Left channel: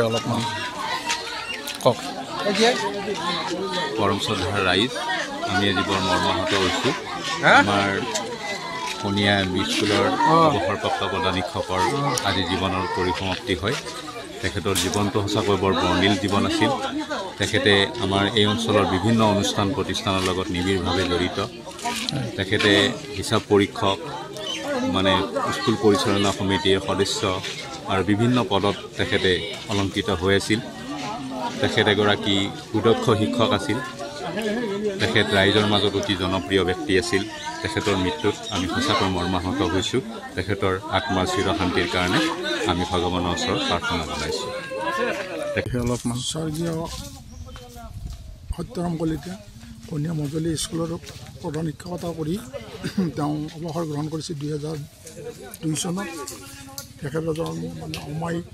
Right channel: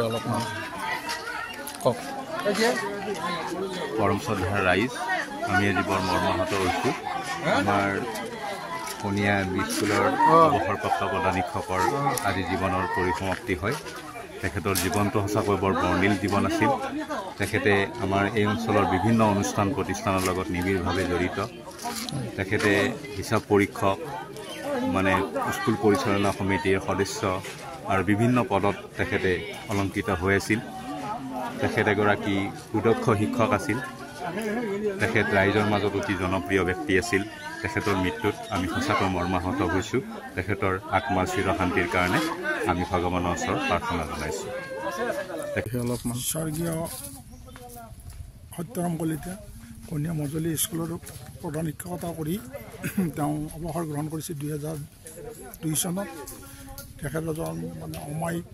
অলপমান কওক পৰম শ্ৰদ্ধাৰ ৰাইজ আমি আজি বৰ মৰ্মাহত হৈছোঁ। আমাৰ কণীয়া স্কুলৰ অৱসৰপ্ৰাপ্ত প্ৰধান শিক্ষকৰ আজি জীৱনৰ পৰিসমাপ্তি হয়। তেখেতৰ জীৱনটো সঁচাকৈ বৰ বৰ্ণিল জীৱন আছিল। তেখেতে আমাৰ এই অঞ্চলৰ বিভিন্ন অনুষ্ঠান প্ৰতিষ্ঠানৰ লগত নিবিড়ভাৱে জড়িত। তেখেতে হিচাপ পৰীক্ষক স্কুল পৰিচালনা সমিতিৰ সদস্য আৰু বিভিন্ন পদত তেখেতে অলংকৃত হৈ আছিল। তেখেত এগৰাকী সুদক্ষ শিক্ষক আছিল। তেখেত ৰাইজৰ মাজত অতি জনপ্ৰিয় ব্যক্তি আছিল। তেখেতৰ মৃত্যুত আমি সঁচাকৈ মৰ্মাহত হৈছোঁ। তেখেতৰ আত্মাৰ চিৰশান্তিৰ কাৰণে আমি ভগৱানৰ ওচৰত প্ৰাৰ্থনা জনাইছোঁ। অলপমান স্বৰ্গীয় সত্যৰাম কলিতা কণীয়া মজলী স্কুলৰ প্ৰধান শিক্ষকতা কৰি তেওঁ অৱসৰ গ্ৰহণ কৰিছিল 2002 চনত। তেখেত এজন অমায়িক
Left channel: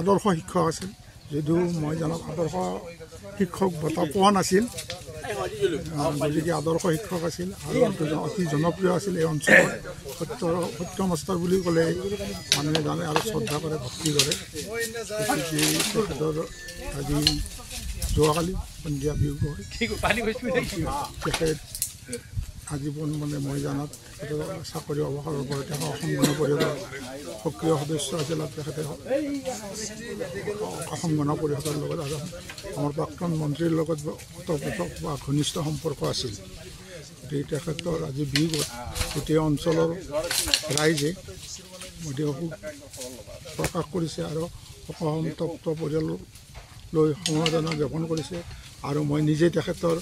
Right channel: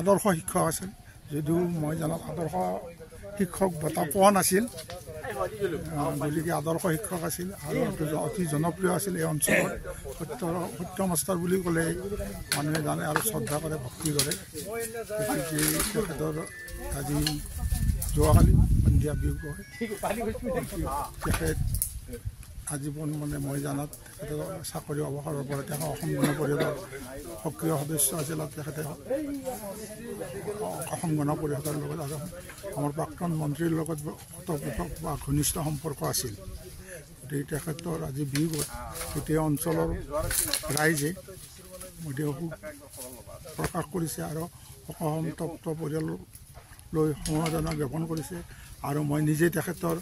আদৰ্শ শিক্ষক আছিল। যদিও মই জনাত আদৰ্শ শিক্ষক বঁটা পোৱা নাছিল, গতিকে আদৰ্শ শিক্ষক আছিল আৰু অতি জনপ্ৰিয় আছিল এই অঞ্চলত। সত্য মাষ্টাৰ বুলি ক'লে মানুহে জানে আৰু শ্ৰদ্ধা কৰে, ভক্তি কৰে। গতিকে তেখেতৰ আজি যোৱাকালি সন্ধিয়া বিয়োগ হয়। তেখেত আজীৱন মই জানাত তেখেতৰ চাকৰি অৱসৰৰ পৰা তেওঁ অসম গণ পৰিষদৰ সক্ৰিয় সদস্য আছিল। তেখেতে অসম গণ পৰিষদৰ লগত আমাৰ প্ৰাক্তন মন্ত্ৰীৰ লগত ওতঃপ্ৰোত বা ঘনিষ্ঠ সম্পৰ্ক আছিল। গতিকে তেখেতৰ আজি বিয়োগত গোটেই অঞ্চলৰ ৰাইজে অতি শোক প্ৰকাশ কৰিছে আৰু শোকসন্তপ্ত পৰিয়াললৈ সমবেদনা জ্ঞাপন কৰিছে। আৰু মই নিজে তেখেতৰ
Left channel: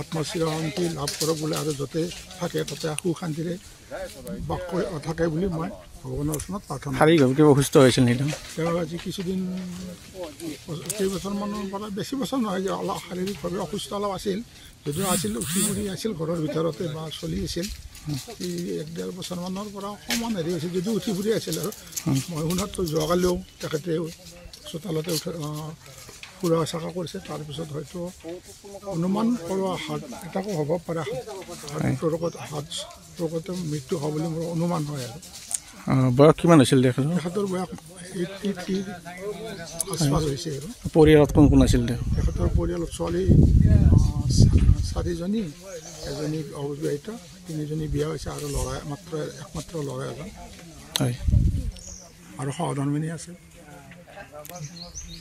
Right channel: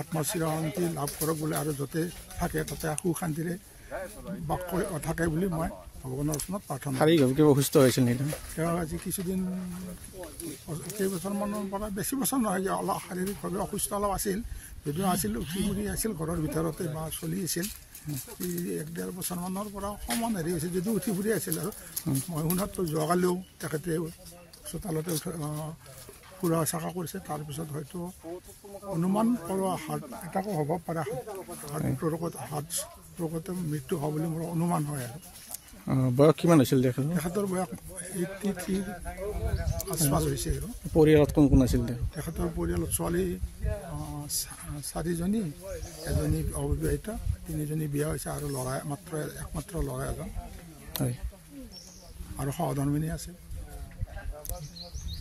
আত্মাৰ চিৰশান্তি লাভ কৰক বুলি আৰু য'তে থাকে তাতে সুখ শান্তিৰে বাস থাকে বুলি মই ভগৱানৰ ওচৰত প্ৰাৰ্থনা। শাৰীৰিকভাৱে অসুস্থ হৈছিল নেকি? তেওঁ আজি কিছুদিন কেইবছৰমানৰ পৰা, বেছি বছৰ নহয় যে অলপ শাৰীৰিকভাৱে অসুস্থ অলপ আছিল। যদিও আছিল উঠি ফুৰি আছিল ঘৰৰ ভিতৰতে বা চলি আছিল। 1-1.5 বছৰমানৰ পৰা অকণমান হেৰি হৈছিল, যদিও উঠি ফুৰি আছিল। আৰু মই শুনাত যোৱাকালিও তেখেতে চোতালতে ফুৰা চাকা কৰিছে। তাৰপিছত হয়তো অনুমান কৰোঁ হাত এটাকো হ'ব পাৰে, হাত ৰোগতে মৃত্যু হ'ব বুলি মোৰ অনুমান হয়। আৰু বয়স কিমান হৈছিল তেখেতৰ বয়স 83 আচপাছ হৈছে। আৰু পৰিয়ালত কোন কোন আছিল? তেখেতৰ পৰিয়ালত ছোৱালী 4জনী, এজনী অবিবাহিতা, 3জনী বিয়া হৈছে আৰু ল'ৰা একমাত্ৰ ল'ৰা এজন হয় আৰু সহধৰ্মিনী আছে।